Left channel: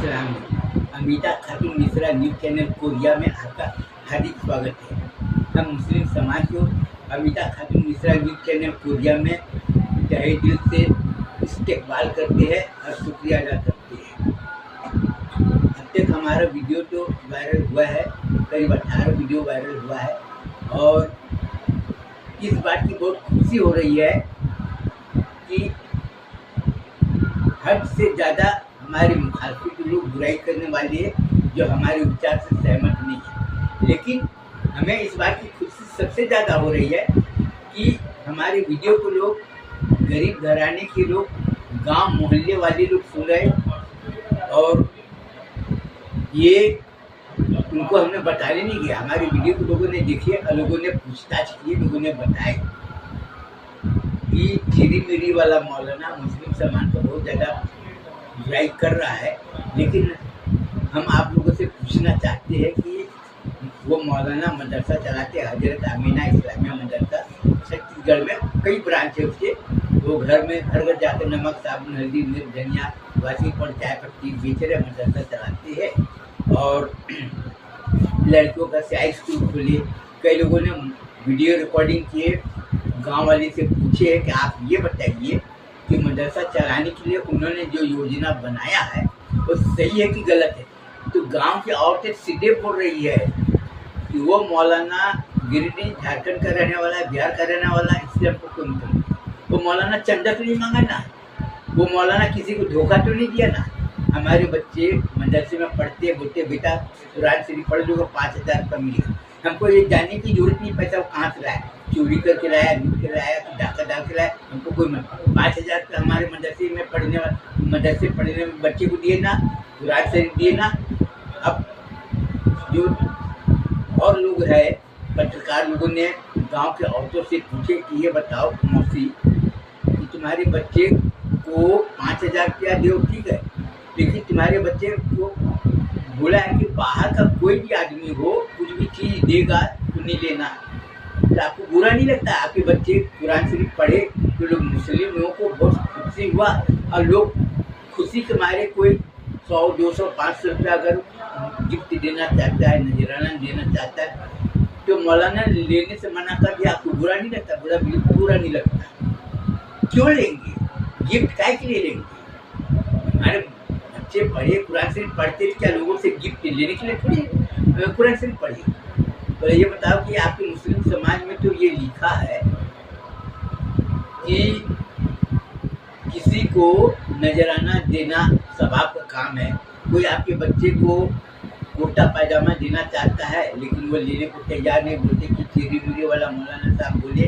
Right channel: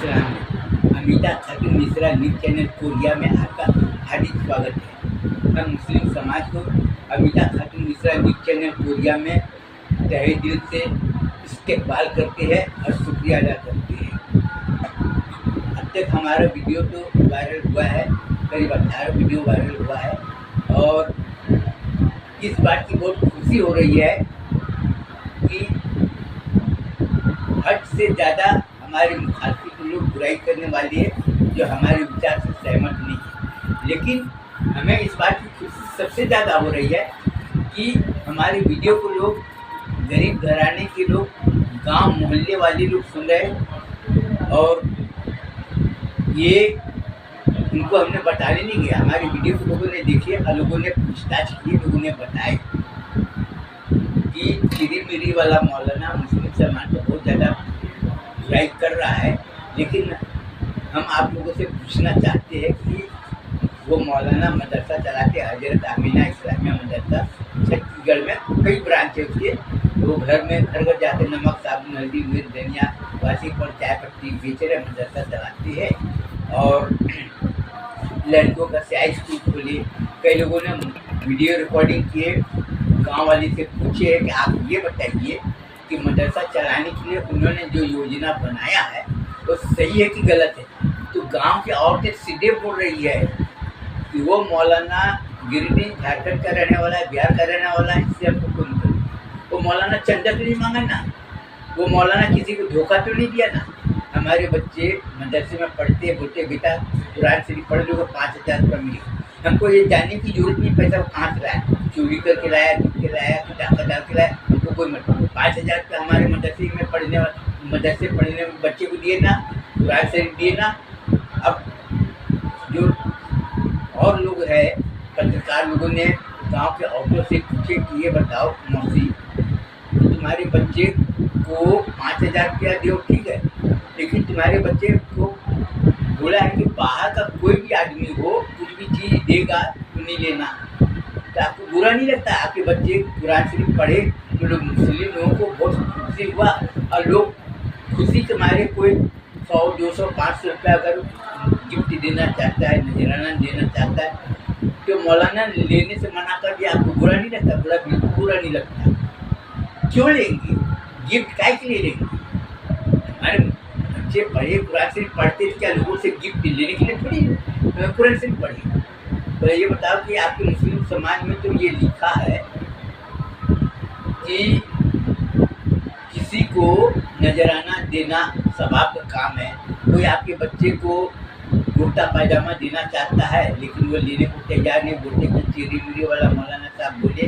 सलाम। अमिता खातून Mishra news channel Korea में आपका हार्दिक स्वागत है। हम मुस्लिम समाज को अमिता खातून मिश्रा न्यूज़ चैनल कोरिया में तहे दिल से इस्तेकबाल करते हैं और शुक्रिया अदा करते हैं। अब तक हमारा वीडियो तो वायरल हुआ है, करीब 18 वीडियो वायरल हुआ है और इस बात की बहुत खुशी हो रही है कि हद से ज़्यादा हमारे मुखालफी को लोग बुराई करने वाले हैं जो हमारे विचार से सहमत नहीं है। लेकिन हमें इस बात की खुशी सबसे ज़्यादा हो रही है कि हमारे वीडियो को लोग गरीब घराने के लोग, गांव मोहल्ले वाले लोग सुन रहे हैं और ये उनको हमने बताने नहीं गया। हमारे वीडियो को लोगों ने देखी और लोगों ने पूछताछ की, लोगों ने बताए कि चिरी मिरी वाला मौलाना मुस्लिम समाज को बहुत ज़्यादा बुराई कर रहा है। लेकिन हम आप लोगों से पूछना चाहते हैं कि वो मौलाना मदरसा चलाते, हजरत आमीना इस्लामिया मदरसा, छत्तीसगढ़ में कई ब्रांच है उसके। वो घर में घर घर जाकर नमक साबुन हल्दी मिर्च धनिया वासी पर चाय पत्ती बेच रहे मदरसा चलाते हैं और लड़कों का स्याही स्कूल खोले। कई लोगों ने वीडियो रिकॉर्डिंग किए, गांव वाले से पूछे कि आप ये बताइए कि मदरसा चलाने के लिए उन्होंने जो योजना बनाया है वो सही है कि गलत है। तो गांव की औरतें सीधे बोल रही है कि वो मौलाना गिरिडीह झारखंड का रहने वाला है, बिहार का रहने वाला है, इससे हमको कोई मतलब नहीं। वो मौलाना चंदा तो नहीं मांगा ना, वो मौलाना किसी को धोखा तो नहीं दिया ना। हमारे बच्चे मदरसे में पढ़ते, बोलते बेटा कुरान शरीफ पढ़ लो 5,000 रुपये मिलेगा। हमको ये जानने की जरूरत नहीं पैसा वो कहाँ से लाया, चोरी करके लाया, लूट के लाया, डाका डाल के लाया, हमको कोई मतलब। 5,000 रुपये हमारे मदरसे में पढ़ने वाले बच्चे को दिए ना, कुरान शरीफ दिए ना। अब जो और लोग है पत्रकार लोगों ने गांव के औरतों से पूछे कि ये बताओ मौसी, तुम्हारे बच्चे को 5,000 रुपया दो ठीक है, लेकिन तुम्हारे बच्चे को बोला है कि बाहर का कोई भी आदमी हो कुछ भी चीज़ देगा तो नहीं लेना। तो आपको बुरा नहीं लगता आपके बच्चे कुरान शरीफ पढ़े तो लोग मुस्लिम लोगों को बहुत खुशी हुआ और लोग खुशी के मारे कोई 100, 200, 500 रुपया अगर गिफ्ट देना चाहता है, नजराना देना चाहता है तो मौलाना लेने से मना कर दिया। आपको बुरा नहीं लगता? बिल्कुल बुरा नहीं लगता। क्यों लेंगे गिफ्ट? काय के लिए लेंगे? हमारे बच्चे पढ़े, कुरान शरीफ पढ़ते, क्या लोगों से गिफ्ट लेने के लिए थोड़ी कुरान शरीफ पढ़े? तो ये बताओ कि आपके मुस्लिम समाज में तो ये लिखा है कि किसी को नजराना देना सवाब का काम है। कोई आपके बच्चे को कुर्ता पायजामा देना चाहता है लेकिन वो लेने को तैयार नहीं, बोलते कि चिरी मिरी वाला मौलाना साहब बोले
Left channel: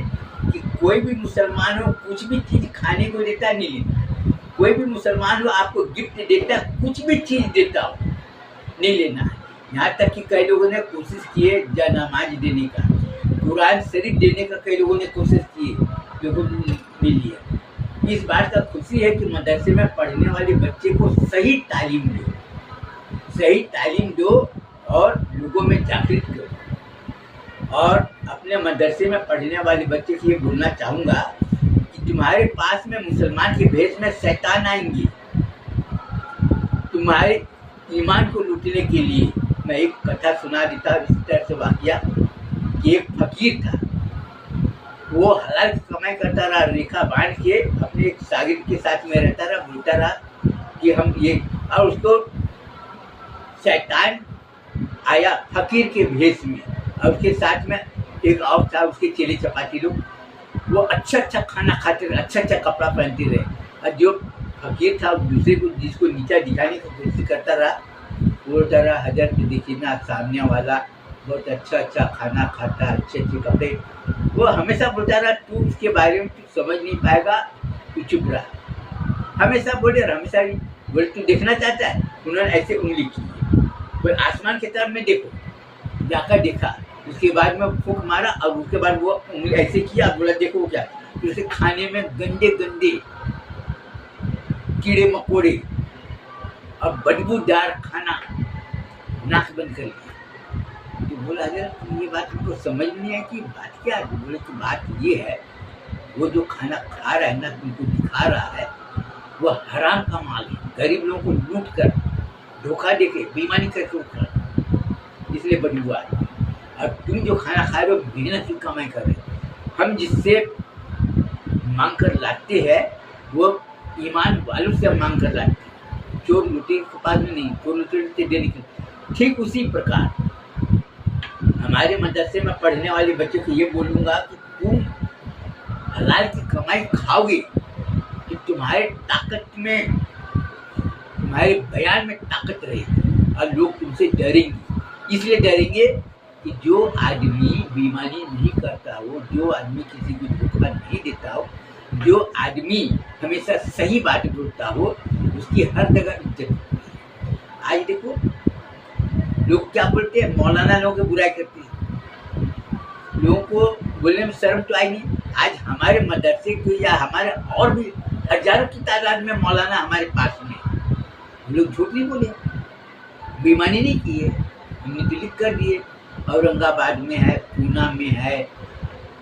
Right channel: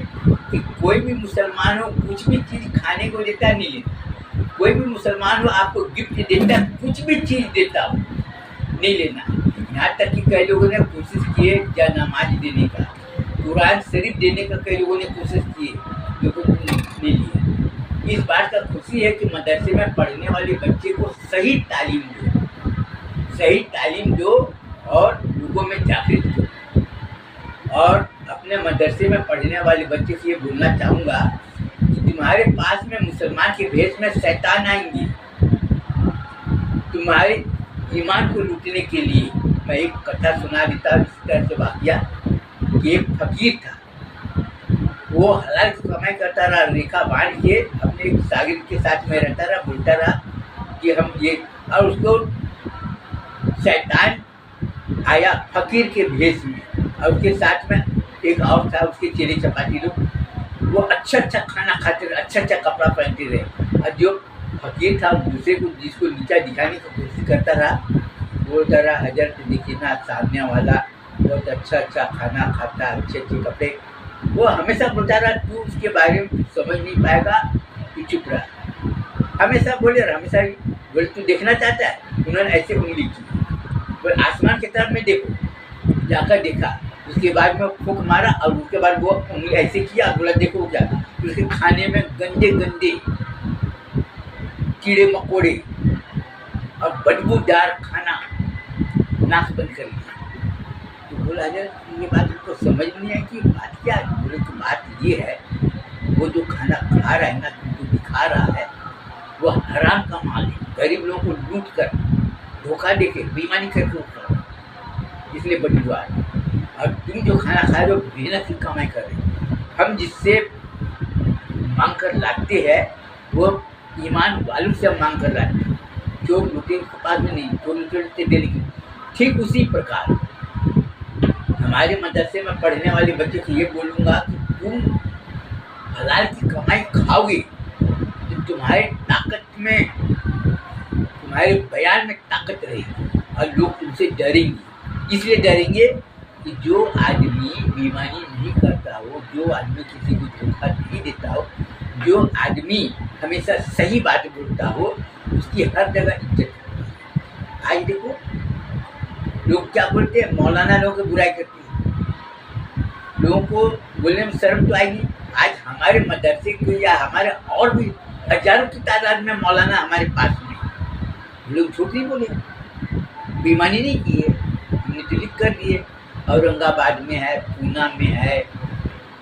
कि कोई भी मुसलमान हो कुछ भी चीज़ खाने को देता है नहीं लेना। कोई भी मुसलमान हो आपको गिफ्ट देता, कुछ भी चीज़ देता हो नहीं लेना है। यहाँ तक कि कई लोगों ने कोशिश की है या नमाज देने का, कुरान शरीफ देने का कई लोगों ने कोशिश की है, लोगों ने नहीं लिया। इस बात का खुशी है कि मदरसे में पढ़ने वाले बच्चे को सही तालीम दो और लोगों में जागृत करो। और अपने मदरसे में पढ़ने वाले बच्चे से ये बोलना चाहूँगा कि तुम्हारे पास में मुसलमान के भेष में शैतान आएंगे तुम्हारे ईमान को लूटने के लिए। मैं एक कथा सुना देता हूँ इस तरह से वाक़या कि एक फकीर था, वो हलाल की कमाई करता रहा, रेखा बांध के अपने एक शागिर्द के साथ में रहता रहा, बोलता रहा कि हम ये, और उसको शैतान आया फकीर के भेष में और उसके साथ में एक और था, उसके चेले चपाती लोग। वो अच्छा अच्छा खाना खाते रहे, अच्छा अच्छा कपड़ा पहनते रहे और जो फकीर था दूसरे को जिसको नीचा दिखाने की कोशिश करता रहा, बोलता रहा हजरत देखिए ना सामने वाला बहुत अच्छा अच्छा खाना खाता, अच्छे अच्छे कपड़े। वो हमेशा बोलता रहा तू उसके बारे में कुछ समझ नहीं पाएगा, तू चुप रहा। हमेशा बोले और हमेशा बोले तू देखना चाहता है। उन्होंने ऐसे उंगली की, बोले आसमान की तरफ में देखो, जाकर देखा, उसके बाद में फूंक मारा और उसके बाद वो उंगली ऐसे किया, बोला देखो क्या। उसके खाने में गंदे गंदे कीड़े मकोड़े और बदबूदार खाना, नाक बंद कर लिया। तो बोला अगर ये बात उनको समझ में नहीं आई कि बात क्या है। बोले कि बात ये है, वो जो खाना खा रहा है ना, तुमको दिखा रहा है, वो हराम का माल है। गरीब लोगों को लूट कर धोखा देके बेईमानी करके वो खा, इसलिए बड़ी हुआ है। और तुम जो खाना खा रहे हो मेहनत की कमाई कर रहे हो। हम जिससे मांग कर लाते हैं वो ईमान वालों से हम मांग कर लाते हैं, चोर लुटेरे के पास में नहीं, चोर लुटेरे डेली के। ठीक उसी प्रकार हमारे मदरसे में पढ़ने वाले बच्चे को ये बोलूँगा कि तुम हलाल की कमाई खाओगे कि तुम्हारे ताकत में, तुम्हारे बयान में ताकत रहेगी और लोग तुमसे डरेंगे। इसलिए डरेंगे कि जो आदमी बेईमानी नहीं करता हो, जो आदमी किसी को धोखा नहीं देता हो, जो आदमी हमेशा सही बात बोलता हो, उसकी हर जगह इज्जत होती है। आज देखो लोग क्या बोलते हैं, मौलाना लोगों की बुराई करते हैं, लोगों को बोलने में शर्म तो आएगी। आज हमारे मदरसे को या हमारे और भी हजारों की तादाद में मौलाना हमारे पास में, लोग झूठ नहीं बोले, बेईमानी नहीं की है, हमने तो लिख कर दिए। औरंगाबाद में है, पूना में है,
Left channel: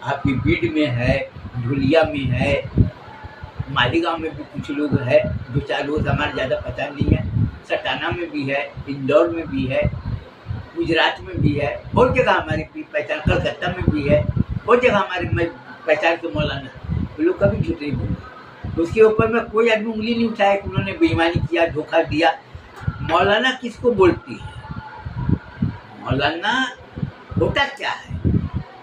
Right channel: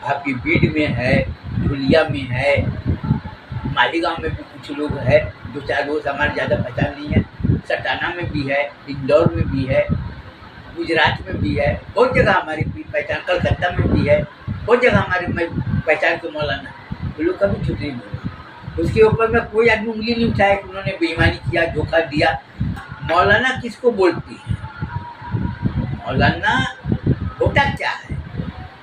आपकी बीड में है, धुलिया में है, मालीगांव में भी कुछ लोग है, 2-4 लोग हमारे ज़्यादा पहचान नहीं है, सटाना में भी है, इंदौर में भी है, गुजरात में भी है, बहुत जगह हमारी पहचान, कलकत्ता में भी है, बहुत जगह हमारे पहचान के मौलाना, वो लोग कभी झूठ नहीं बोले। उसके ऊपर में कोई आदमी उंगली नहीं उठाया कि उन्होंने बेईमानी किया, धोखा दिया। मौलाना किसको बोलती है, मौलाना होता क्या है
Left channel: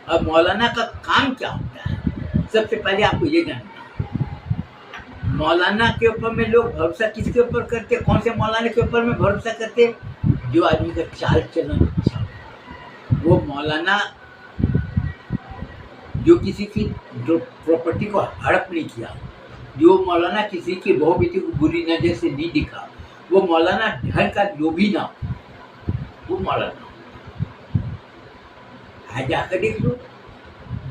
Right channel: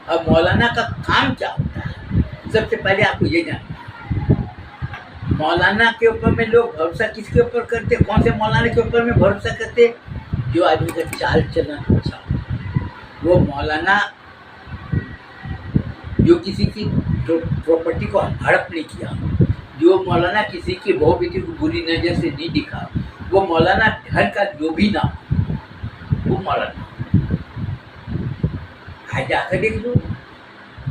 और मौलाना का काम क्या होता है, सबसे पहले आपको ये जानना है। मौलाना के ऊपर में लोग भरोसा किसके ऊपर करते, कौन से मौलाना के ऊपर में भरोसा करते, जो आदमी का चाल चलन अच्छा हो, वो मौलाना जो किसी की प्रॉपर्टी को हड़प नहीं किया, जो मौलाना किसी की बहू बेटी को बुरी नजर से नहीं दिखा, वो मौलाना धन का लोभी ना हो, वो मौलाना। आज जाकर देख लो,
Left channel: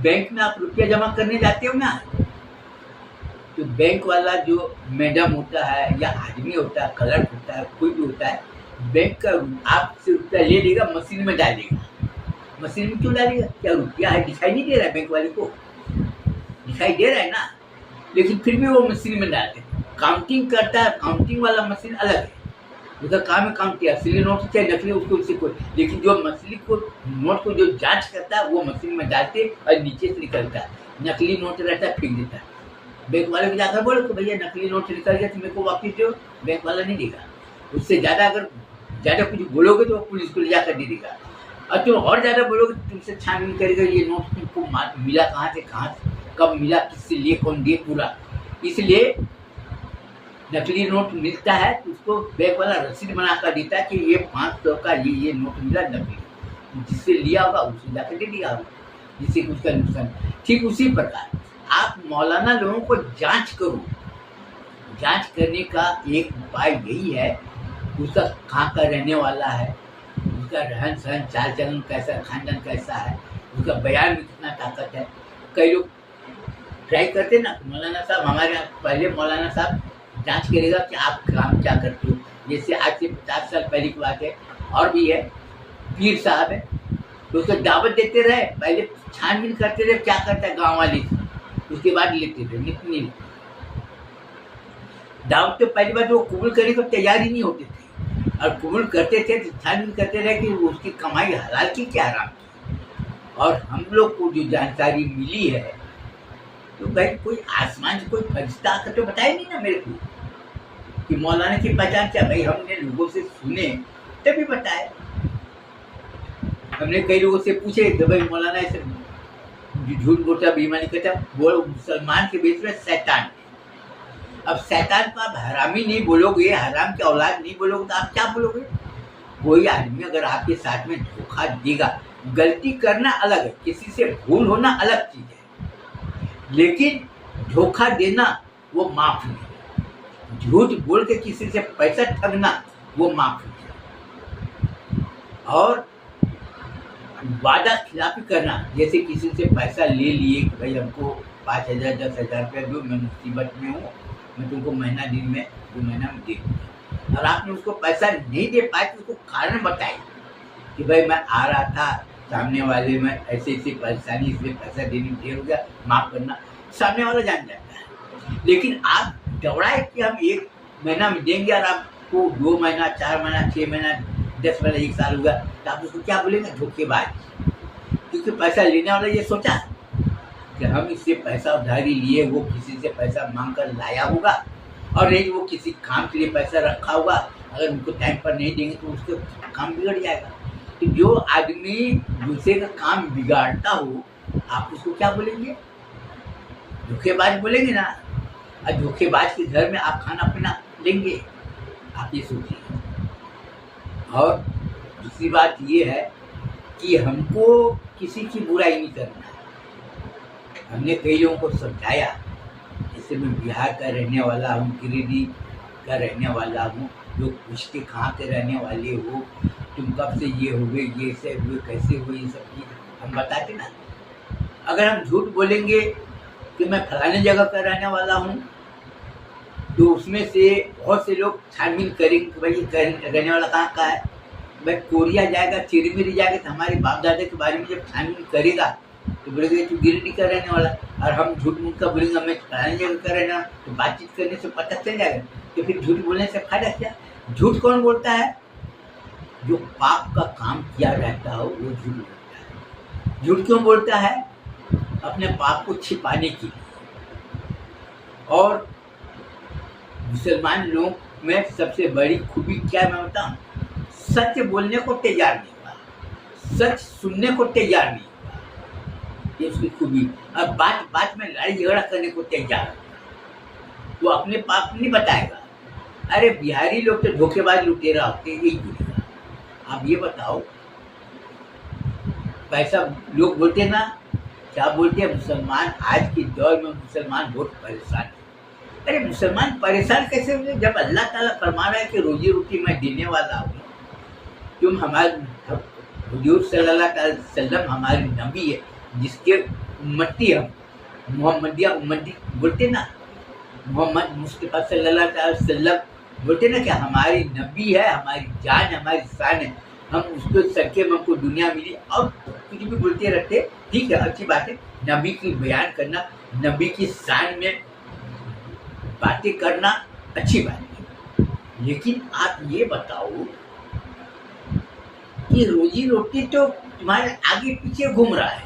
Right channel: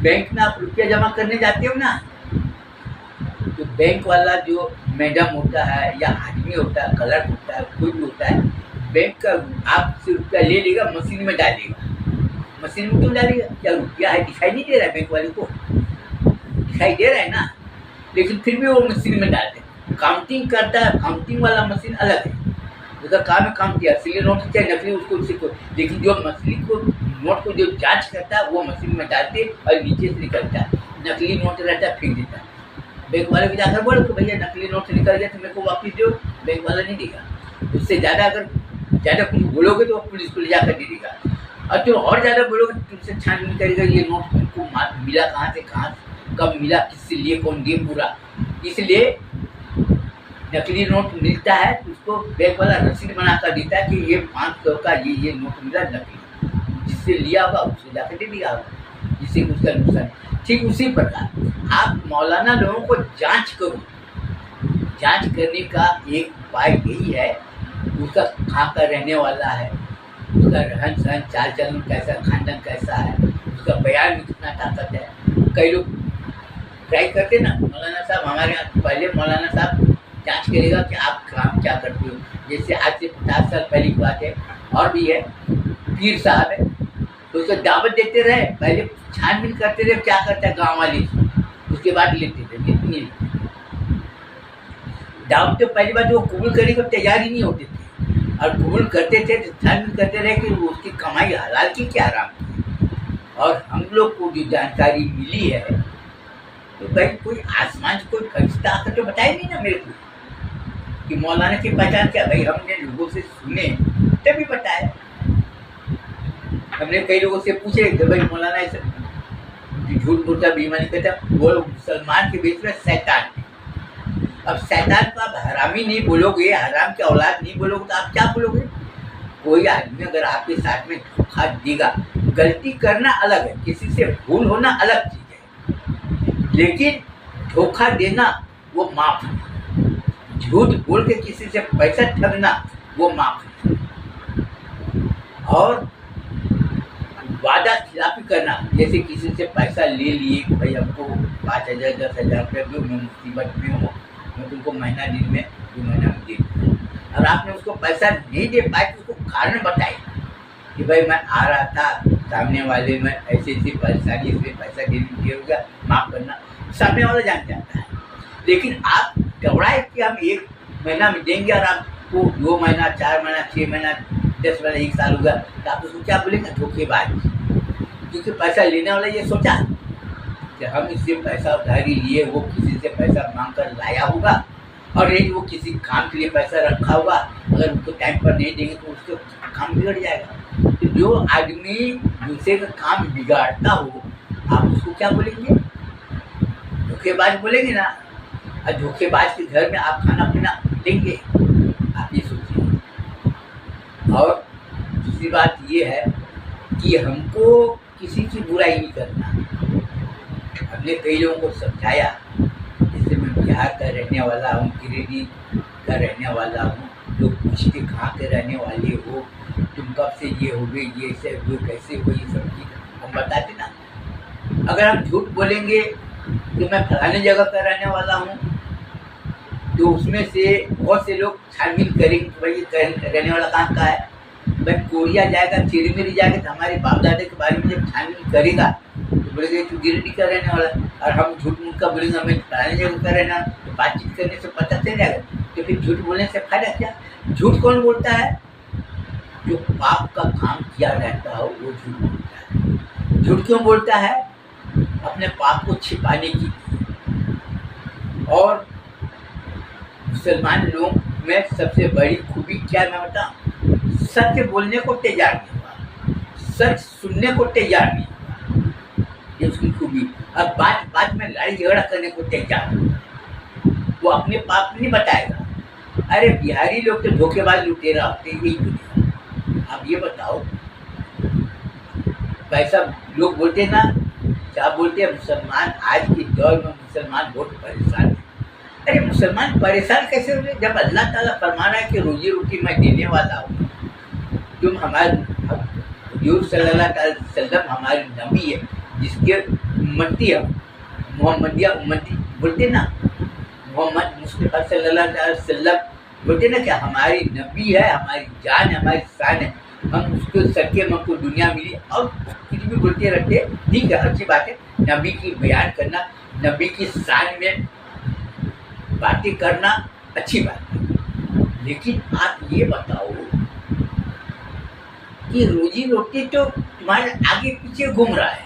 बैंक में आप रुपया जमा करने जाते हो ना, तो बैंक वाला जो मैडम होता है या आदमी होता है, क्लर्क होता है, कोई भी होता है, बैंक का आपसे रुपया ले लेगा, मशीन में डालेगा। मशीन में क्यों डालेगा, क्या रुपया है दिखाई नहीं दे रहा है, बैंक वाले को दिखाई दे रहा है ना, लेकिन फिर भी वो मशीन में डालते हैं। काउंटिंग करता है, काउंटिंग वाला मशीन अलग है, उसका काम है काउंट, असली नोट चाहे नकली उसको उसी को, लेकिन जो मछली को नोट को जो जांच करता है वो मशीन में डालते और नीचे से निकलता है, नकली नोट रहता है फेंक देता है। बैंक वाले भी जाकर बोलो कि भैया नकली नोट निकल गया तो मेरे को वापस दो, बैंक वाला नहीं देगा। उससे ज़्यादा अगर ज़्यादा कुछ बोलोगे तो पुलिस को ले जाकर दे देगा, और तुम और ज़्यादा बोलोगे तो तुमसे छानबीन करेगा, ये नोट तुमको मिला कहाँ से, कहाँ कब मिला, किससे लिए, कौन दिए पूरा। इसलिए नकली नोट मिलता है तो उसको बैंक वाला रसीद बना कर देता है कि ये 500 का ये नोट मिला नकली, जिससे लिया होगा उससे जाकर दे दिया होगा, जिससे उसका नुकसान। ठीक उसी प्रकार आप मौलाना लोगों को जांच करो, जांच करने का एक उपाय यही है, उसका कहाँ का रहने वाला है, उसका रहन सहन चाल चलन कैसा, खानदान कैसा है, उसका बयान में कितना ताकत है। कई लोग ट्राई करते ना, मौलाना साहब हमारे यहाँ पहले मौलाना साहब जांच करेगा कि आप काम क्या करते हो। जैसे आज से 50 साल पहले की बात है, और भी है, पीर साहब है तो उसको दावत देते रहे, पहले छानबीन करते रहे क्या करता है गाँव वाले, उसके बाद लेते थे, नहीं दावत तो पहली बार जो कबूल करने को तैयार ही नहीं होते थे, और कबूल करते थे तो छानबीन करते रहे कि उसकी कमाई हलाल की क्या हराम की। और हम लोग को जो जानकारी मिली है तो भाई कोई आसमान से कोई फरिश्ता आकर तो बताया नहीं ना मेरे को कि मौलाना की पहचान क्या। भाई हमने लोगों से सुने तभी बताया, हमने कई लोगों से पूछे कि भाई मौलाना ऐसे झूठ बोलता, बेईमानी करता, वो मुसलमान के बीच में शैतान है। अब शैतान को आप हरामी नहीं बोलोगे, हराम की औलाद नहीं बोलोगे तो आप क्या बोलोगे। कोई आदमी अगर आपके साथ में धोखा देगा, गलती करना अलग है, किसी से भूल होना अलग चीज है, लेकिन धोखा देना वो माफ नहीं। झूठ बोल के किसी से पैसा ठगना वो माफ नहीं। और वादा खिलाफी करना, जैसे किसी से पैसा ले लिए कि भाई हमको 5,000 10,000 रुपये दो, मैं मुसीबत में हूँ, मैं तुमको महीना दिन में 2 महीना में दे दूँ, और आपने उसको पैसा नहीं दे पाए तो उसको कारण बताए कि भाई मैं आ रहा था, सामने वाले में ऐसी परेशानी, इसलिए पैसा देने देर हो गया, माफ़ करना, सामने वाला जान जाता है। लेकिन आप घबराए कि हम 1 महीना में देंगे और आप वो 2 महीना, 4 महीना, 6 महीना, 10 महीना, 1 साल हुआ, तो आप उसको क्या बोलेंगे? धोखेबाज। क्योंकि पैसा लेने वाला ये सोचा कि हम इससे पैसा उधारी लिए, वो किसी से पैसा मांग कर लाया होगा, और नहीं वो किसी काम के लिए पैसा रखा होगा, अगर उनको टाइम पर नहीं देंगे तो उसके काम बिगड़ जाएगा। तो जो आदमी दूसरे का काम बिगाड़ता हो, आप उसको क्या बोलेंगे? धोखेबाज बोलेंगे ना। और धोखेबाज के घर में आप खाना पीना लेंगे? आप ये सोचिए। और दूसरी बात ये है कि हमको किसी की बुराई नहीं करना। हमने कई लोगों को समझाया, जैसे मैं बिहार का रहने वाला हूँ, गिरिडीह का रहने वाला हूँ, लोग पूछते कहाँ के रहने वाले हो, तुम कब से ये हो गए, ये से हुए, कैसे हुए, ये सब चीज़ हम बताते ना। अगर हम झूठ बोलेंगे कि मैं फलाने जगह का रहने वाला हूँ, तो उसमें से बहुत से लोग छानबीन करेंगे कि भाई ये रहने वाला कहाँ का है। भाई कोरिया जाएगा, चिरमिरी जाएगा, तो हमारे बाप दादा के बारे में जब छानबीन करेगा तो बोलेंगे तू गिरिडीह का रहने वाला। और हम झूठ मूठ का बोलेंगे मैं फलाने जगह का रहना, तो बातचीत करने से पता चल जाएगा। तो फिर झूठ बोलने से फायदा क्या? झूठ कौन बोलता है? जो पाप का काम किया रहता हो वो झूठ बोलता है। झूठ क्यों बोलता है? अपने पाप को छिपाने की। और मुसलमान लोग में सबसे बड़ी खूबी क्या है मैं बताऊं? सत्य बोलने को तैयार नहीं हुआ, सच सुनने को तैयार नहीं हुआ, ये उसकी खूबी। और बात बात में लड़ाई झगड़ा करने को तैयार हुआ, वो अपने पाप नहीं बताएगा। अरे बिहारी लोग तो धोखेबाज लुटेरा होते हैं, यही बोलेगा। आप ये बताओ, पैसा लोग बोलते हैं ना, क्या बोलते हैं? मुसलमान आज के दौर में मुसलमान बहुत परेशान है। अरे मुसलमान परेशान कैसे हुए जब अल्लाह ताला फरमा रहा है कि रोजी रोटी मैं देने वाला हूँ। तुम हमारे हुजूर सल्लल्लाहु अलैहि वसल्लम हमारे नबी है, जिसके उम्मती हम, मोहम्मदिया उम्मती बोलते ना, मोहम्मद मुस्तफा सल्लल्लाहु अलैहि वसल्लम बोलते ना कि हमारी नबी है, हमारी जान है, हमारी शान है, हम उसके सदके में हमको दुनिया मिली। और कुछ भी बोलते रहते, ठीक है, अच्छी बात है, नबी की बयान करना, नबी की शान में बातें करना अच्छी बात है। लेकिन आप ये बताओ कि रोजी रोटी तो तुम्हारे आगे पीछे घूम रहा है,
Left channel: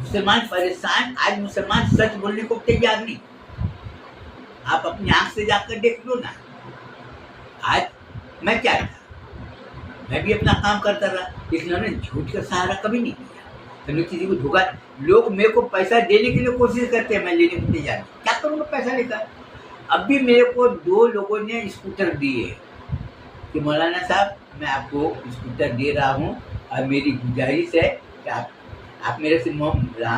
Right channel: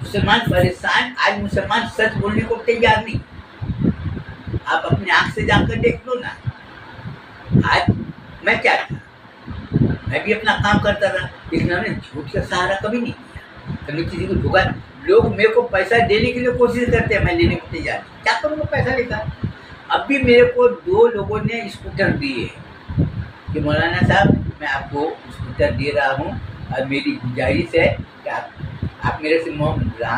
मुसलमान परेशान। आज मुसलमान सच बोलने को तैयार नहीं। आप अपनी आंख से जाकर देख लो ना। आज मैं क्या था, मैं भी अपना काम करता रहा, इसलिए झूठ का सहारा कभी नहीं किया, कभी किसी को धोखा। लोग मेरे को पैसा देने के लिए कोशिश करते हैं, मैं लेने को तैयार नहीं। क्या करूँगा पैसा लेकर? अब भी मेरे को 2 लोगों ने स्कूटर दिए कि मौलाना साहब मैं आपको स्कूटर दे रहा हूँ, और मेरी गुजारिश है कि आप मेरे से बोला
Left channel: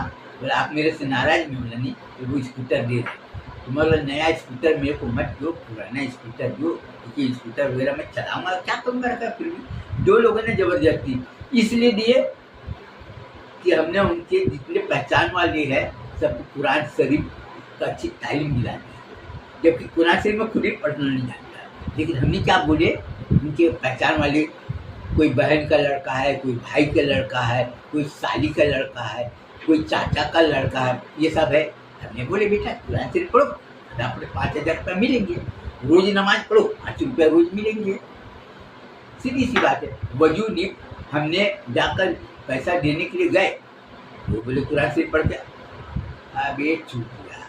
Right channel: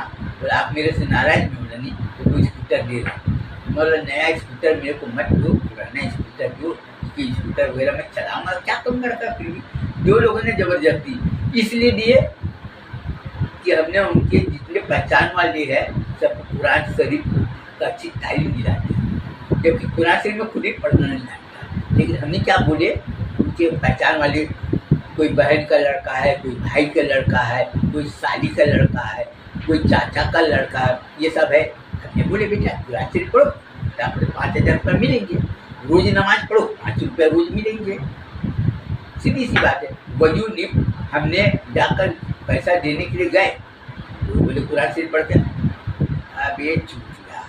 आप मेरे से नाराज में बोला नहीं, तो वो स्कूटर दे रहा। मतलब नया स्कूटर मेरे को मत दो, पुराना स्कूटर दो, क्योंकि स्कूटर वगैरह मैं चलाऊँगा, क्या करूँगा रखा। फिर भी 2 लोगों ने ज़बरदस्ती इसलिए दिए कि हमने उनके जितने पहचान वाले हैं सबको कुरान शरीफ का अच्छी तालीम दिलाते हैं, जबकि कुरान शरीफ में खुद ही पढ़ना नहीं आता। लेकिन हमने क्या बोले, उनके पहचान वाले, कोई बहन का लड़का है, कोई भाई का लड़का है, कोई साली का लड़का है, कोई चाचा का लड़का है, ये सब है। हमने बोले बेटा कुरान शरीफ पढ़ो, आपको 5,000 रुपये मिलेंगे, रोज नमाज पढ़ो, 5 रुपये रोज मिलेंगे, सीधी सी बात है। वजू नहीं, हमने जाकर पैसा देने के लिए गए, तो बोले कुरान शरीफ पढ़ते। अब ये चूतिया,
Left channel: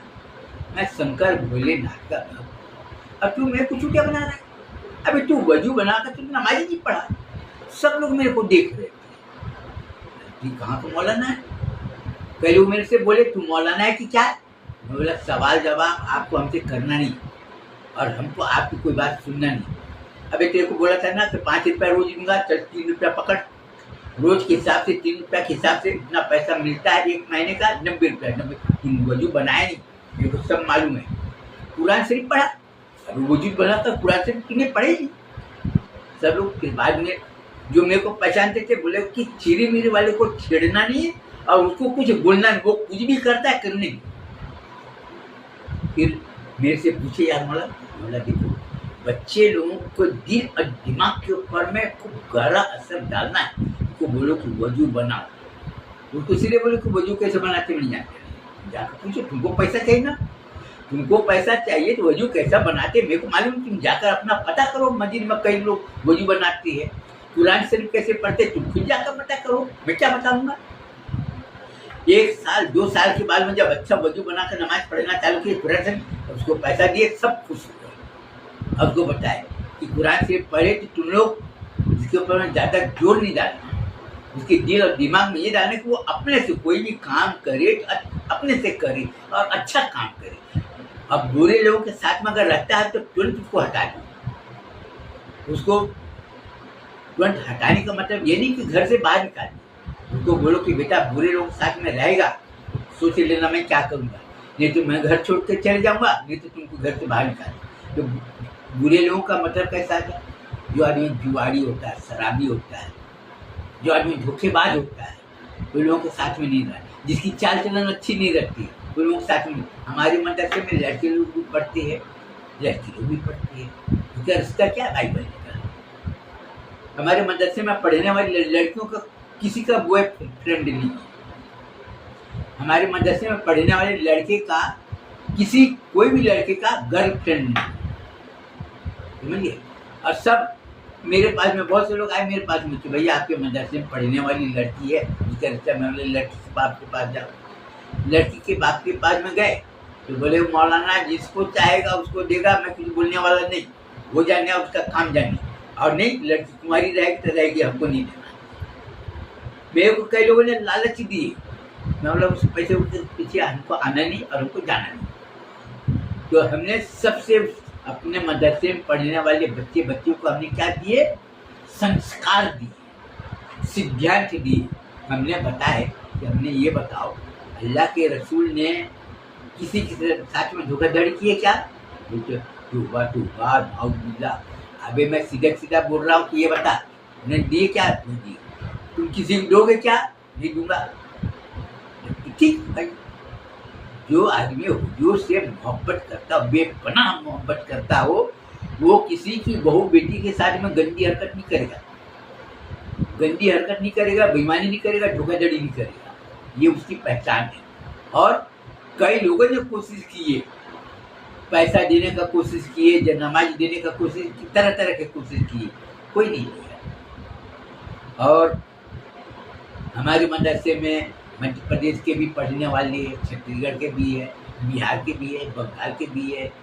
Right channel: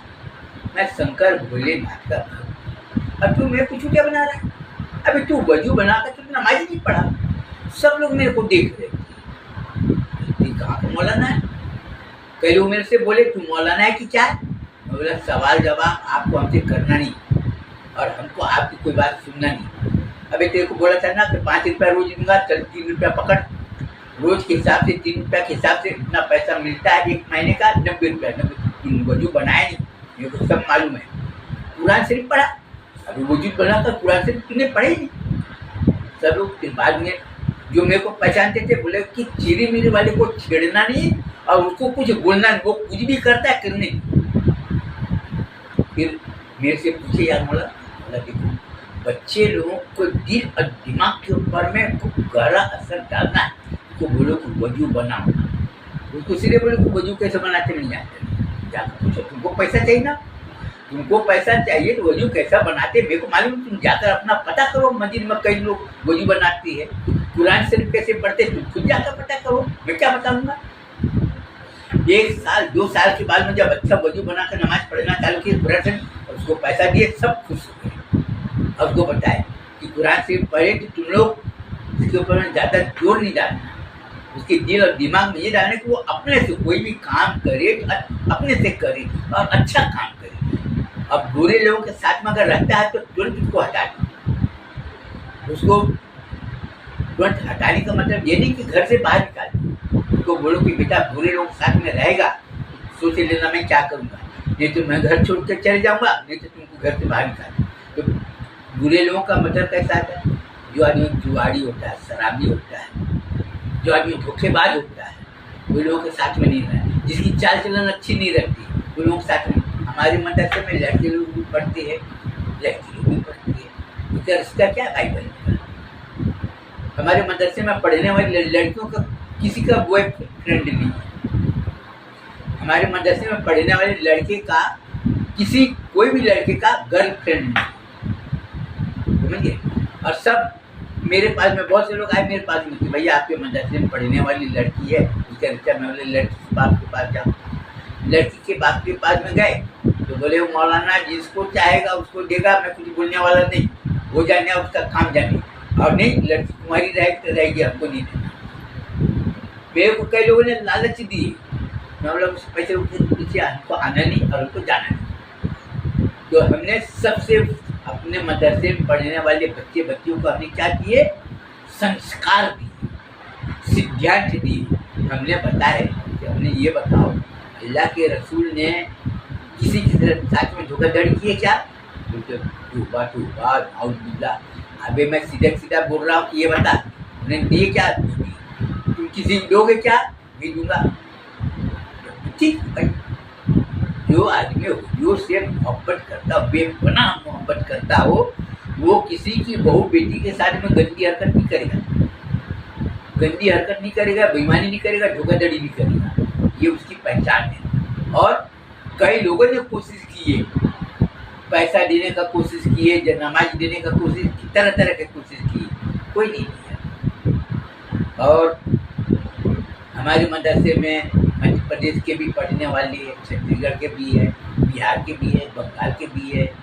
मैं शंकर भोलेनाथ का भक्त, अब तू मेरे को चूतिया बना रहा है। अभी तू वजू बनाकर तू नमाज ही नहीं पढ़ा, सब लोग मेरे को देख रहे थे, कहाँ का मौलाना है। कई लोग मेरे से बोले तू मौलाना है कि क्या है? मैं बोला सवाल जवाब आपको हमसे करना नहीं, और हमको आपकी कोई बात सुनना नहीं। अभी तेरे को बोला था ना कि 5 रुपया रोज दूंगा, चल 3 रुपया पकड़, रोज के हिसाब से 3 रुपया के हिसाब से इतना पैसा मिलता है, 1 महीने का 90 रुपया। 90 वजू बनाया नहीं, मेरे को सब मालूम है। कुरान शरीफ पढ़ा, अभी वजू बना था, कुरान शरीफ तूने पढ़े नहीं। सब लोग फिर बाद में जो मेरे को पहचानते थे बोले कि चिरी मिरी वाले को छेड़ना नहीं और उसको कुछ बोलना नहीं, वो कुछ भी करता है करने। फिर मेरे से पूछे यार मौला देखो, बच्चे लोगों को दिल और दिमाग के ऊपर में खूब गहरा असर डालना है। उसको बोलो कि वजू बनाओ, उसको सीधे बोलो कि वजू कैसे बनाते मैं नहीं जानते, जाकर पूछो, तुमको पैसा चाहिए ना, तुमको पैसा चाहिए तो वजू कैसा बनाते मेरे को मालूम, तुम जाकर अपना पता करो। मस्जिद में कई लोग वजू बनाती है, कुरान शरीफ कैसे पढ़ते तुम खुद जाकर पता करो, मैं क्या बताऊंगा। 1 साल 2 साल के बाद में जब अच्छा वजू बनाकर नमाज पढ़ना चालू किया कुरान शरीफ, उसको पैसा दिए, सब खुश हो गए। अब उसको बताए कि कुरान शरीफ पढ़े कि तुम लोग इसके ऊपर में ज़्यादा जोर नहीं डालना, उसके दिल और दिमाग में ये डालने कि वो अपने से कोई भी काम करे तो अपने से करे और अच्छा काम करे। अब बुरे लोगों के साथ में अगर रहता है तो तुरंत उसको हटा दो। उसको तुरंत हटाने का मतलब ये नहीं कि घर से बाहर निकाल दो, उसको बोलो कि बेटा बुरे लोगों के साथ में रहेगा, सोच लेना मैं क्या करूँगा, नहीं तो मैं घर छोड़ कर चले जाऊँगा, नहीं तो तुमको घर से बाहर निकाल। तो बुरे लोगों का मतलब कैसा है, जो आदमी जुआरी होता है, शराबी होता है, जो आदमी धोखेबाज होता है, वो लोगों के साथ में नहीं रहता, जिसकी चाल चलन अच्छी नहीं रहती, वो लोगों के साथ में। हमारे मदरसे में लड़के लोग भी पढ़ते हैं, लड़की लोग भी पढ़ती है, उसका रिश्ता क्या भाई बहन का। हमारे मदरसे में पढ़ने वाली लड़कियों का किसी का बॉयफ्रेंड नहीं है। हमारे मदरसे में पढ़ने वाले लड़के का कोई भी लड़के का गर्लफ्रेंड नहीं, समझिए। और सब मेरे पास में बहुत से लोग आए मेरे पास में कि भैया आपके मदरसे में पढ़ने वाली लड़की है, उसका रिश्ता। मैं बोले लड़की के बाप के पास जाओ। लड़की के बाप के पास में गए तो बोले मौलाना जिसको चाहेगा उसको देगा, मैं कुछ बोलने वाला नहीं, वो जाने उसका काम जाने, और नहीं लड़की तुम्हारी रहेगी तो रहेगी, हमको नहीं देना। मेरे को कई लोगों ने लालच दिए, मैं बोला उस पैसे के पीछे हमको आना नहीं और हमको जाना नहीं। तो हमने सबसे अपने मदरसे में पढ़ने वाले बच्चियों को हमने क्या दिए, संस्कार दिए, सिद्धांत दिए। हमने बताया कि हमने ये बताओ अल्लाह के रसूल ने किसी के साथ में धोखाधड़ी की है क्या? बोलते तौबा तौबा नाउजुबिल्ला। अबे मैं सीधा बोल रहा हूँ कि ये बता उन्हें दिए क्या? नहीं दिए। तुम किसी को दोगे क्या? नहीं दूंगा। ठीक भाई, जो आदमी हुजूर से मोहब्बत करता हो, बेपनाह मोहब्बत करता हो, वो किसी की बहू बेटी के साथ में गंदी हरकत नहीं करेगा, बेईमानी नहीं करेगा, धोखाधड़ी नहीं करेगा। ये उसकी पहचान है। और कई लोगों ने कोशिश की है, पैसा देने का कोशिश की है, नमाज देने का कोशिश की, तरह तरह की कोशिश की, कोई नहीं किया। और हमारे मदरसे में मध्य प्रदेश के भी पढ़ने वाले हैं, छत्तीसगढ़ के भी है, बिहार के भी है, बंगाल के भी है,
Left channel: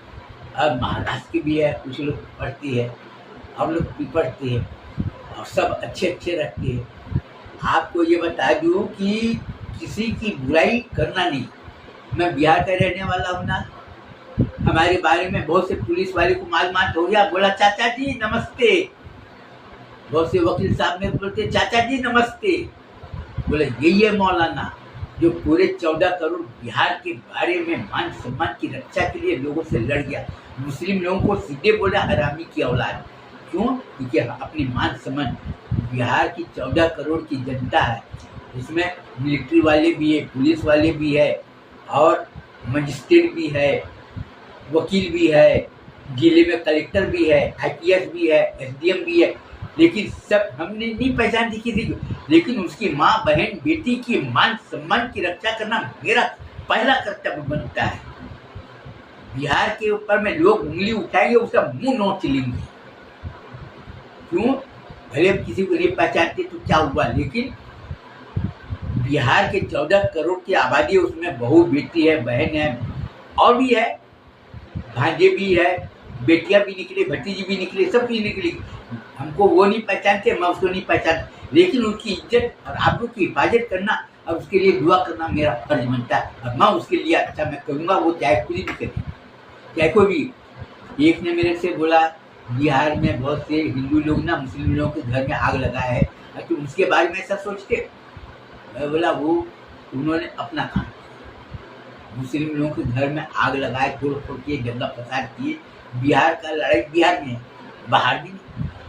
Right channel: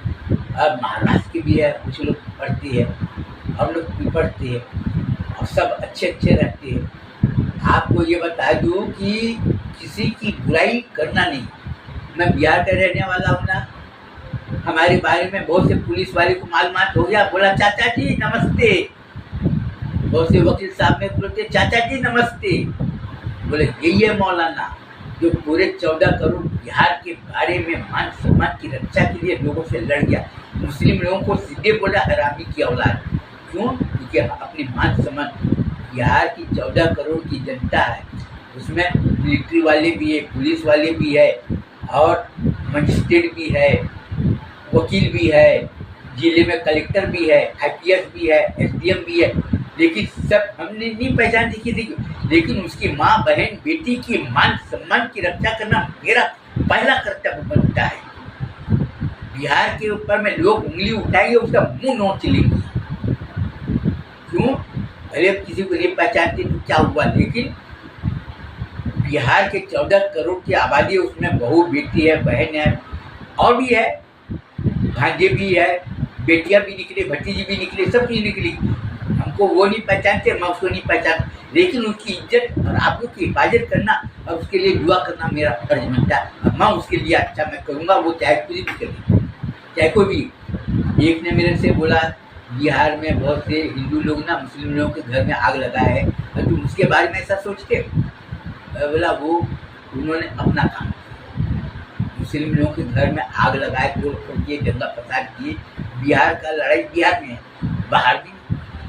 और महाराष्ट्र के भी है। कुछ लोग पढ़ती है, हम लोग भी पढ़ते हैं, और सब अच्छे रहते हैं। आपको ये बता दूँ कि किसी की बुराई करना नहीं। मैं बिहार का रहने वाला हूँ ना, हमारे बारे में बहुत से पुलिस वाले को मालूमात हो गया, बोला चाचा जी नमस्ते। बहुत से वकील साहब में बोलते चाचा जी नमस्ते। बोले यही है मौलाना जो पूरे 14 करोड़ बिहार के बारे में मान सम्मान की रक्षा के लिए लोगों से लड़ गया। मुस्लिम लोगों को सीधे बोला हरामी की औलाद। क्यों? क्योंकि अपनी मान सम्मान, बिहार की 14 करोड़ की जनता है, उसमें मिलिट्री वाले भी है, पुलिस वाले भी है, और मजिस्ट्रेट भी है, वकील भी है, जिले में कलेक्टर भी है, IPS भी है, SDM भी है। लेकिन सब हमने नहीं पहचान दिखी थी, लेकिन उसकी माँ बहन बेटी की मान सम्मान की रक्षा करना मेरा पहला कर्तव्य बनता है। बिहार के ऊपर में लोग उंगली उठाएंगे, उसका मुंह नोच लेंगे। क्यों? भले किसी को नहीं पहचानते तो क्या हुआ, लेकिन बिहार के 14 करोड़ की आबादी है, उसमें बहू बेटी है, बहन है, और भी है, भांजे भी है, बेटियां भी निकली, भतीजी भी निकली, सब कुछ निकली। हमको वो नहीं पहचानते, मैं उसको नहीं पहचानता, लेकिन उसकी इज्जत और आप लोग की हिफाजत करना और उसके लिए दुआ करना मेरा फर्ज बनता है। और मैं उसके लिए अच्छा मैं करूँगा, वो चाहे कुछ भी करे, चाहे कोई भी। एक ने मेरे से बोला बिहार में बहुत से हिंदू लोग ना मुस्लिम लोगों के घर में आग लगा है, और तुम उसके बारे में ऐसा सोचते? मैं बोला वो उन्होंने अपना काम किया, मुस्लिम लोगों के घर में आग लगाए, तोड़ फोड़ किए, दंगा फसाद किए। बिहार का लड़ाई बिहार में, बाहर भी।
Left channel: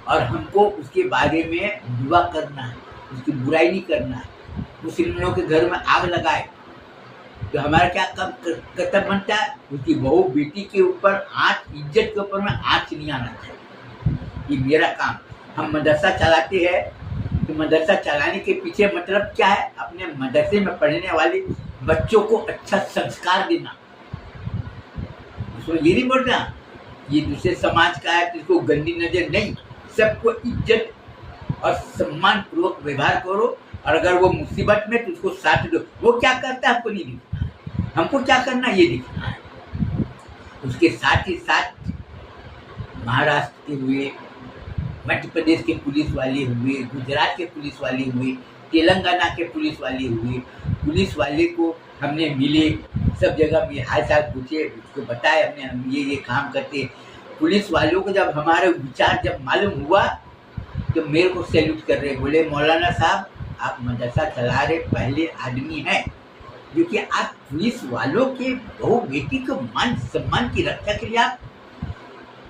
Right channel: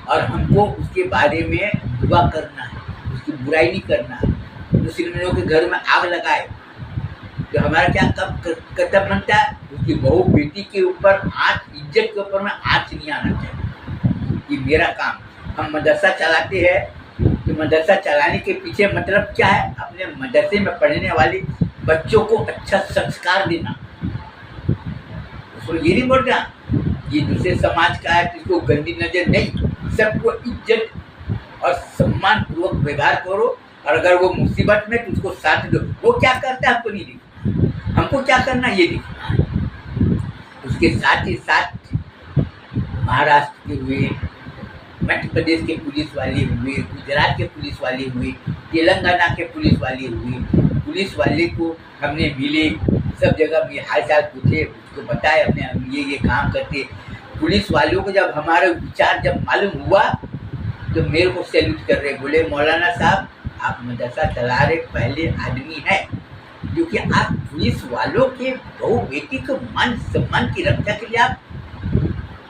और हमको उसके बारे में दुआ करना है, उसकी बुराई नहीं करना है। मुस्लिम लोगों के घर में आग लगाए तो हमारा क्या कर्तव्य बनता है? उसकी बहू बेटी के ऊपर आँच, इज्जत के ऊपर में आँच नहीं आना चाहिए। ये मेरा काम। हम मदरसा चलाते हैं तो मदरसा चलाने के पीछे मतलब क्या है? अपने मदरसे में पढ़ने वाले बच्चों को अच्छा संस्कार देना, उसको ये नहीं बोल रहा ये दूसरे समाज का है तो इसको गंदी नजर नहीं, सबको इज्जत और सम्मान पूर्वक व्यवहार करो। और अगर वो मुसीबत में तो उसको साथ दो। वो क्या करता है हमको नहीं दिखना, हमको क्या करना ये दिखना है। उसके साथ ही साथ महाराष्ट्र के हुए, मध्य प्रदेश के पुलिस वाले हुए, गुजरात के पुलिस वाले हुए, तेलंगाना के पुलिस वाले हुए, पुलिस वाले को हमने मिले, सब जगह में हाल चाल पूछे, उसको बताए अपने हम ये काम करते। पुलिस वालों को जब हमारा विचार जब मालूम हुआ तो मेरे को सैल्यूट कर रहे, बोले मौलाना साहब आप मदरसा चला रहे पहले आदमी हैं जो कि आप पुलिस वालों के बहू बेटी को मान सम्मान की रक्षा के लिए आप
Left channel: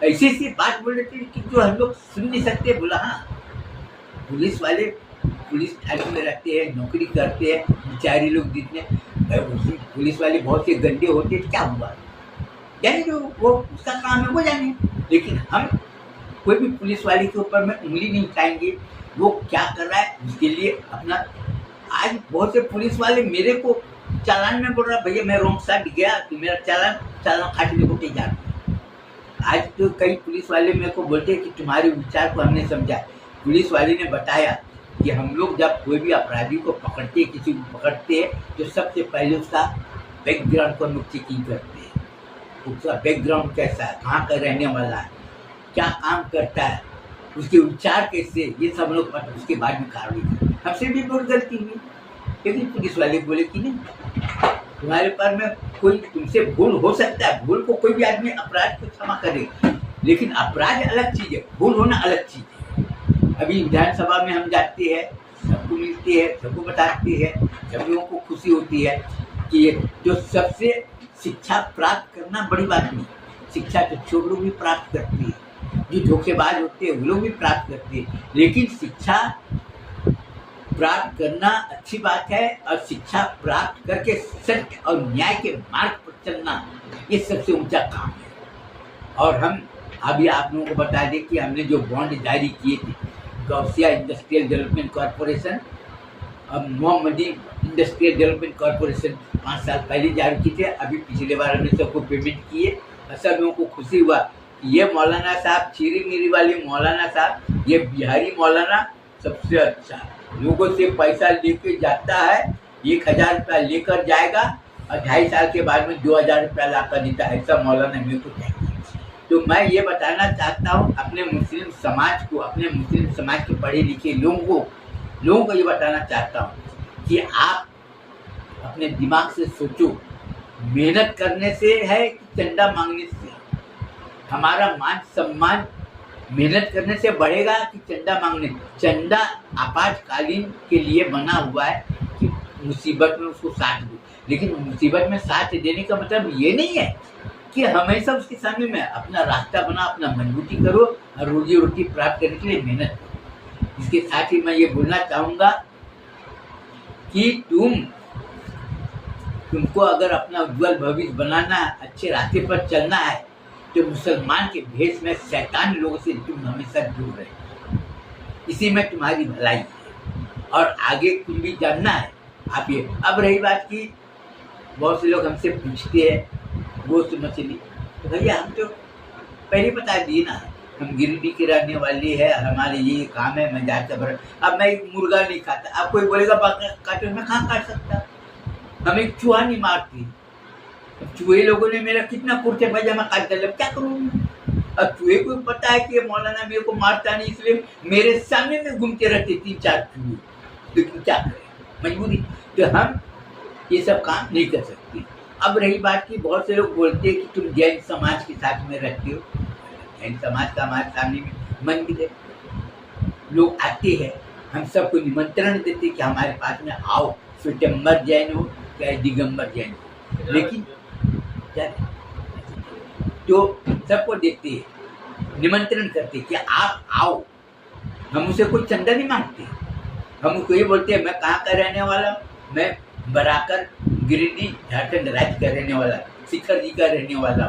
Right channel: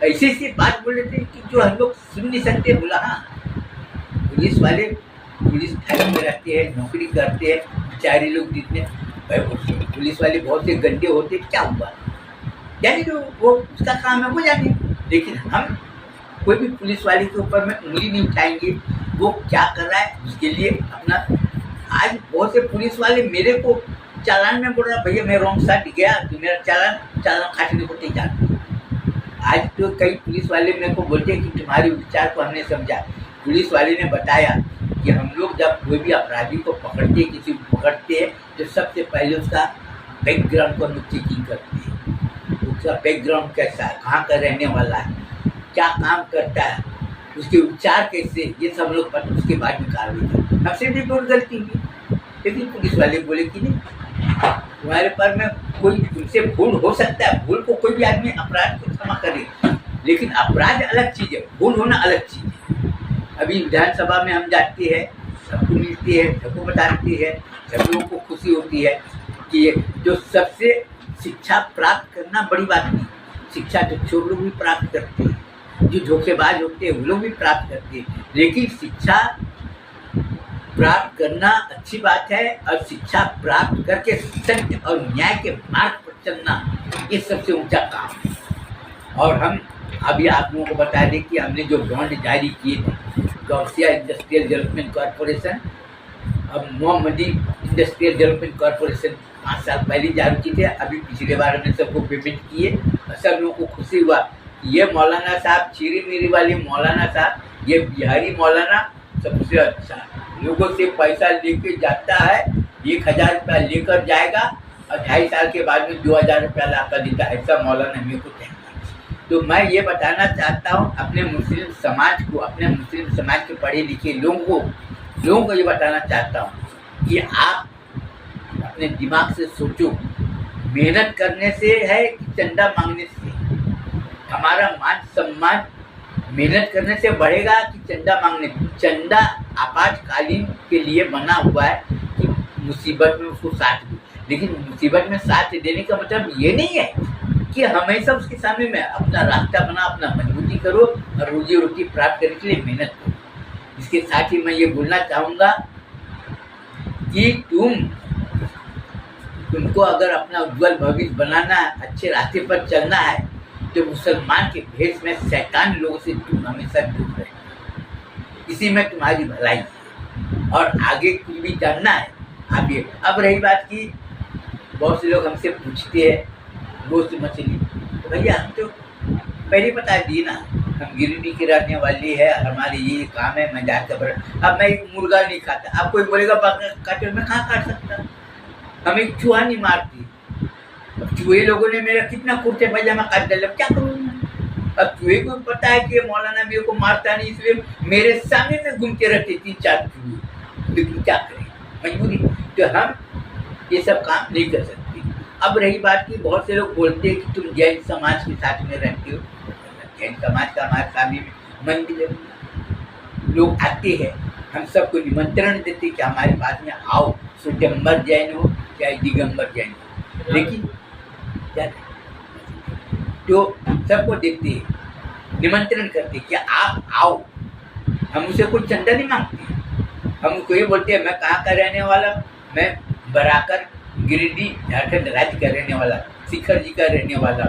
ऐसी ऐसी बात बोल रहे थे कि जो हम लोग सुन नहीं सकते। बोला हाँ, पुलिस वाले पुलिस थाने में रहते हैं, नौकरी करते हैं, बेचारे लोग जितने पुलिस वाले बहुत से गंदे होते, क्या हुआ जाने जो वो उसका काम है वो जाने। लेकिन हम कोई भी पुलिस वाले के ऊपर में उंगली नहीं उठाएंगे, वो क्या कर रहा है उसके लिए अपना। आज बहुत से पुलिस वाले मेरे को चालान में बोल रहा भैया मैं रॉन्ग साइड गया तो मेरा चालान काटने को तैयार। आज तो कई पुलिस वाले मेरे को बोलते हैं कि तुम्हारे विचार को हमने समझा। पुलिस वाले ने बताया कि हम लोग जब कोई भी अपराधी को पकड़ते, किसी को पकड़ते हैं तो सबसे पहले उसका बैकग्राउंड को हम लोग चेकिंग करते हैं। उसका बैकग्राउंड कैसा है, कहाँ का रहने वाला है, क्या काम करता है, उसके विचार कैसे, ये सब हम लोग पता, उसके बाद में कार्रवाई करते। हमसे भी बहुत गलती हुई, लेकिन पुलिस वाले बोले कि नहीं तुम्हारे पर में कोई तुमसे भूल हो सकता है, भूल को कोई भी आदमी अपराध को क्षमा करे, लेकिन अपराध अलग चीज़ है, भूल होना अलग चीज़ है। अभी विधानसभा में हम जाते हैं, सबको मिलते हैं, सबको बताते हैं, सब लोगों को खुशी होती है कि जो सबसे शिक्षा प्राप्त करना बड़ी बात नहीं, शिक्षा तो चोर लोग भी प्राप्त करते हैं, जो धोखेबाज होते हैं वो लोग भी प्राप्त करते हैं, लेकिन शिक्षा प्राप्त करना अच्छी बात है और शिक्षा प्राप्त करके सत्य और न्याय के मार्ग पर चलना ये सबसे ऊंचा काम है। और हम अभी आप लोगों को बता दें कि हमने जो बॉन्ड जारी किए थे, गौसिया इंडस्ट्रियल डेवलपमेंट कॉरपोरेशन और मोहम्मदी इंडस्ट्रियल डेवलपमेंट कॉरपोरेशन 5 साल पहले जारी किए थे। अभी पिछले बार हमने सबको पेमेंट किए और सब लोगों को खुशी हुआ। ये मौलाना साहब, चीरी मीरी वाले मौलाना साहब, ये बिहारी मौलाना सबसे अच्छा है, लोगों से पैसा लेके जाता है, 1000 रुपया लेकर जाएगा और 2.5 साल के बाद में 2000 रुपया ला कर देता है। ऐसा मौलाना मेरे को चाहिए। तो मैं ये बताना चाहता हूँ अपने मुस्लिम समाज को, अपने मुस्लिम समाज के पढ़े लिखे लोगों को ये बताना चाहता हूँ कि आप अपने दिमाग से सोचो, मेहनत करने से है कि चंदा मांगने से? हमारा मान सम्मान मेहनत करने से बढ़ेगा कि चंदा मांगने? चंदा आपातकालीन के लिए बना हुआ है कि मुसीबत में उसको साथ दो, लेकिन मुसीबत में साथ देने का मतलब ये नहीं है कि हमेशा उसके सामने में अपना रास्ता बना, अपना मजबूती करो और रोजी रोटी प्राप्त करने के लिए मेहनत करो। इसके साथ ही मैं ये बोलना चाहूँगा कि तुमको अगर अपना उज्जवल भविष्य बनाना है, अच्छे रास्ते पर चलना है, तो मुसलमान के भेष में शैतान लोगों से तुम हमेशा दूर रहे। इसी में तुम्हारी भलाई है और आगे कुछ भी जानना है आप ये। अब रही बात की बहुत से लोग हमसे पूछते हैं गोश्त मछली, तो भैया हम तो पहले बता दिए ना, हम गिरिडीह के रहने वाले हैं, हमारे ये काम है, मैं जाकर अब मैं एक मुर्गा नहीं खाता। अब कोई बोलेगा काटे, मैं कहाँ काट सकता, हम एक चूहा नहीं मारती। चूहे लोगों ने मेरा कितना कुर्ते पैजामा काट डाला, क्या करूँ मैं? अब चूहे को पता है कि मौलाना मेरे को मारता नहीं, इसलिए मेरे सामने में घूमते रहते 3-4 चूहे, लेकिन क्या करें, मजबूरी। तो हम ये सब काम नहीं कर सकते। अब रही बात की बहुत से लोग बोलते हैं कि तुम जैन समाज के साथ में रहते हो। जैन समाज का हमारे सामने में मंदिर है, लोग आते हैं, हम सबको निमंत्रण देते कि हमारे पास में आओ, स्वयंवर जैन हो चाहे दिगंबर जैन हो, लेकिन क्या तो सबको देखते हैं, निमंत्रण करते कि आप आओ। हम उसे कोई चंदा नहीं मांगते, हम उसको ये बोलते हैं मैं कहाँ का रहने वाला, मैं बराकर गिरिडीह झारखंड राज्य का रहने वाला, शिखर जी का रहने वाला,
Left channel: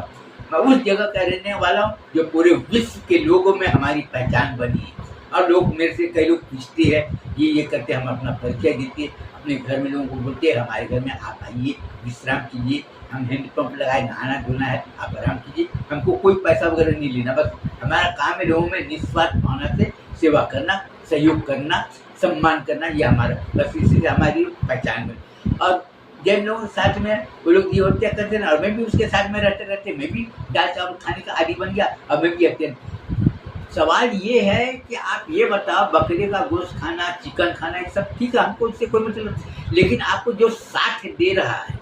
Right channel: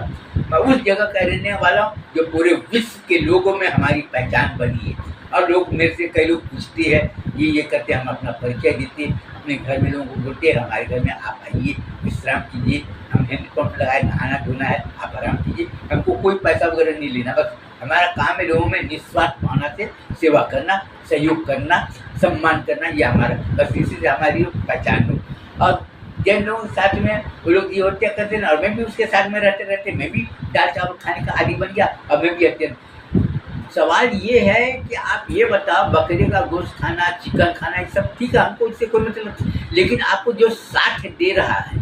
मैं उस जगह का रहने वाला हूँ जो पूरे विश्व के लोगों में हमारी पहचान बनी है। और लोग मेरे से कई लोग पूछते हैं, ये करते, हम अपना परिचय देते, अपने घर में लोगों को बोलते हैं हमारे घर में आप आइए, विश्राम कीजिए, हम हैंडपम्प लगाए, नहाना धोना है, आप आराम कीजिए, हमको कोई पैसा वगैरह नहीं लेना, बस हमारा काम है लोगों में निस्वार्थ भावना से सेवा करना, सहयोग करना, सम्मान करना, ये हमारा बस, इसी से हमारी पहचान हुई। और जैन लोगों के साथ में वो लोग ये हत्या करते ना, और मैं भी उसके साथ में रहते रहते मैं भी दाल चावल खाने का आदी बन गया, और मैं भी हत्या। सवाल ये है कि आप ये बताओ, बकरे का गोश्त खाना, चिकन खाना, ये सब ठीक है, हमको इससे कोई मतलब, लेकिन आपको जो साथ दे रहा है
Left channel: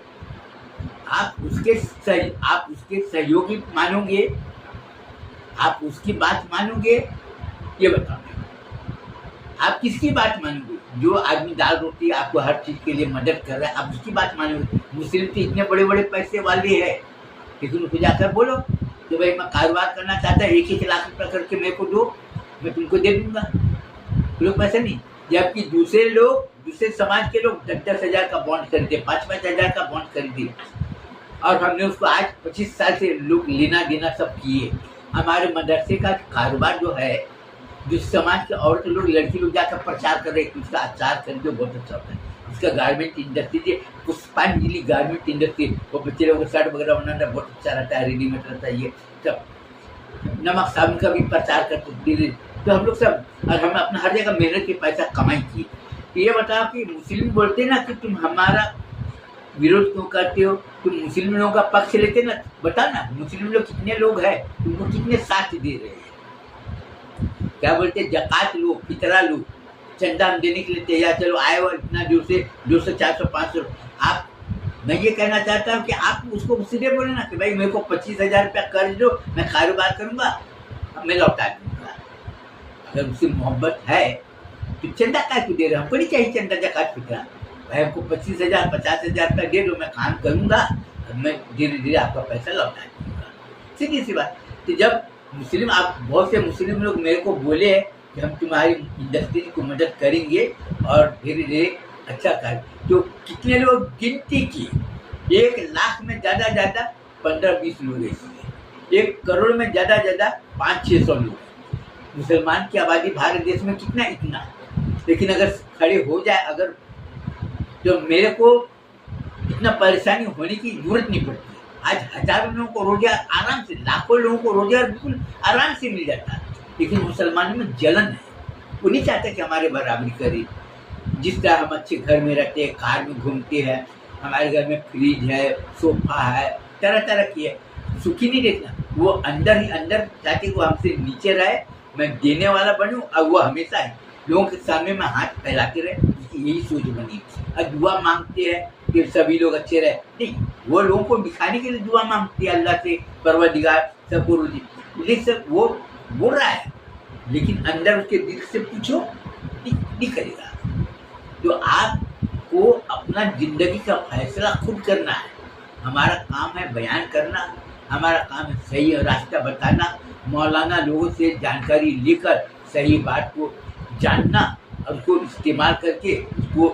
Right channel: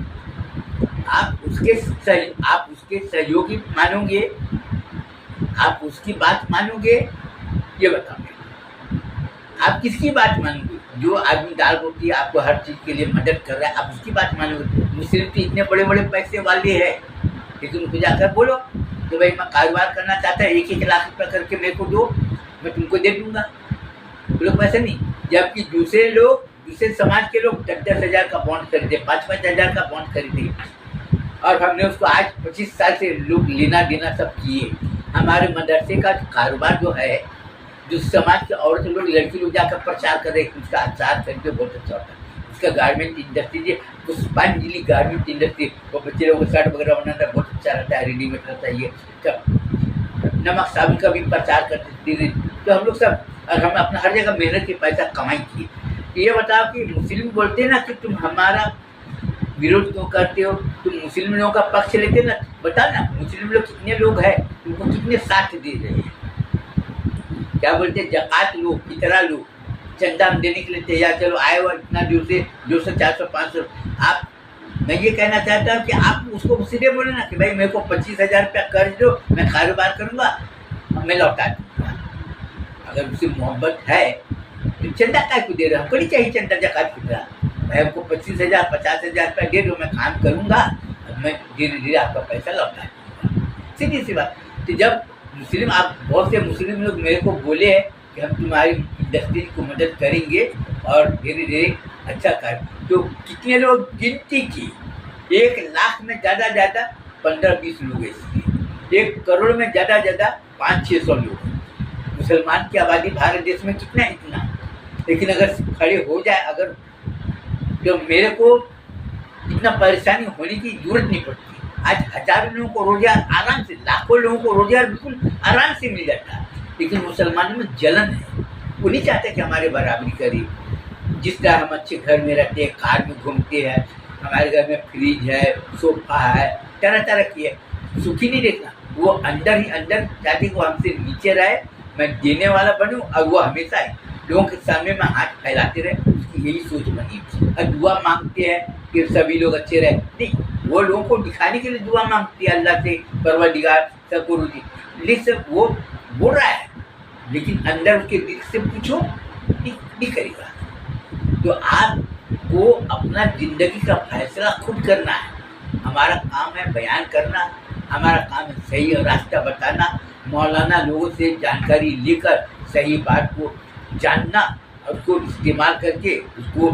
आप उसके सहयोगी मानोगे, आप उसकी बात मानोगे, ये बताओ आप किसकी बात मानोगे? जो आदमी दाल रोटी आपको हर चीज के लिए मदद कर रहा है, आप उसकी बात मानोगे? मुस्लिम तो इतने बड़े बड़े पैसे वाले हैं, लेकिन उनको जाकर बोलो कि भाई मैं कारोबार करना चाहता है, 1-1 लाख रुपया करके मेरे को दो, मैं तुमको दे दूंगा। तो लोग पैसे नहीं, जबकि दूसरे समाज के लोग 10-10 हज़ार का बॉन्ड खरीदे, 5-5 हज़ार का बॉन्ड खरीदे, और हमने उसको आज 25 साल से लोग लेना देना सब किए। हमारे मदरसे का कारोबार जो है, जो समाज के औरत लोग, लड़की लोग जाकर प्रचार कर रहे हैं, उसका अचार खरीदे, बहुत अच्छा होता है। उसका गारमेंट इंडस्ट्री, पुष्पांजलि गारमेंट इंडस्ट्री, वो बच्चे लोगों को शर्ट वगैरह बनाना बहुत अच्छा रहता है, रेडीमेड रहता है, ये सब नमक साबुन का भी प्रचार करते थे। तो हम लोग सब, और हम अपना हर जगह मेहनत के पैसा कमाई किए। ये बताओ कि मुस्लिम बोलते ना कि तुम हमारा विरोध क्यों करते हो, तुम मुस्लिम लोगों का पक्ष लेते ना, बता ना मुस्लिम लोग कितने लोग हैं, तुमको कितने साथ दे रहे हैं, क्या बोलते, जकात लो, फितरा लो, चंदा हम देने के लिए तैयार, चलो आए हो इतना दूर से 200, 400, 500। आप, मैं ये कहना चाहता हूँ कि आप उसको सीधे बोले ना कि भाई मेरे को 25,000 रुपया कर्ज दो, मैं कारोबार करूँगा, अब मैं लौटा दूँगा। अगर उससे मोहब्बत है तो चंदा क्या क्यों दे रहे, हमको नहीं चाहिए चंदा जकात फितरा, भाई हमको 25,000, 50,000 रुपया दे दो, मैं काम करूँगा, अब मैं धीरे धीरे आपका पैसा लौटा दूँगा, सीधी सी बात। तो जब मुस्लिम, आप बहुत से मुस्लिम लोग मेरे को बोले कि हम तुम्हारी इंडस्ट्री को मदद करेंगे और धीरे धीरे अच्छा कर, तो कितने लोग गिनती की, 1 लाख में ज़्यादा 15-20 लोग ऐसे, 1 करोड़ में ज़्यादा 500-600 लोग। मुसलमान की आबादी भारत देश में कितना, इतना, लेकिन अगर खड़े हो जाए, अगर तो मेरे को इतना परेशानी होने की जरूरत नहीं पड़ती। आज हजारों लोगों को रोजगार आराम से, लाखों लोगों को रोजगार बिल्कुल आराम से मिल जाता है, लेकिन मुसलमानों में जलन है, वो नहीं चाहते कि हमारे बराबरी करे। जिस तरह हम अच्छे घर में रहते हैं, कार में घूमते हैं, हमारे घर में फ्रिज है, सोफा है, तरह तरह की है, सुखी नहीं देखना, वो अंदर ही अंदर चाहते वो हमसे नीचे रहे, मैं देने वाला बनूं, और वो हमेशा लोगों के सामने में हाथ फैलाते रहे, उसकी यही सोच बनी। और दुआ मांगते हैं कि सभी लोग अच्छे रहे, नहीं, वो लोगों को दिखाने के लिए दुआ मांगती है अल्लाह से, परवरदिगार सबको रुजी, लेकिन वो बोल रहा है, लेकिन अंदर उसके दिल से पूछो नहीं करेगा। तो आपको अपना जिंदगी का फैसला खुद करना है, हमारा काम है बयान करना, हमारा काम है सही रास्ता बताना, मौलाना लोगों से जानकारी लेकर सही बात को जानना, और उसको इस्तेमाल करके, उसको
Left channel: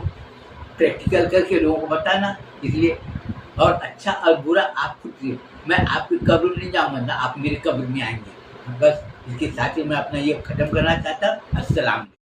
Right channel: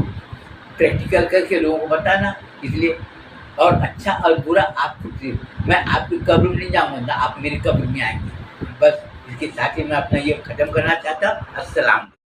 प्रैक्टिकल करके लोगों को बताना। इसलिए, और अच्छा और बुरा आप खुद से, मैं आपकी कब्र में नहीं जाऊँगा ना, आप मेरे कब्र में आएंगे। बस इसके साथ ही मैं अपना ये ख़त्म करना चाहता हूँ। अस्सलाम।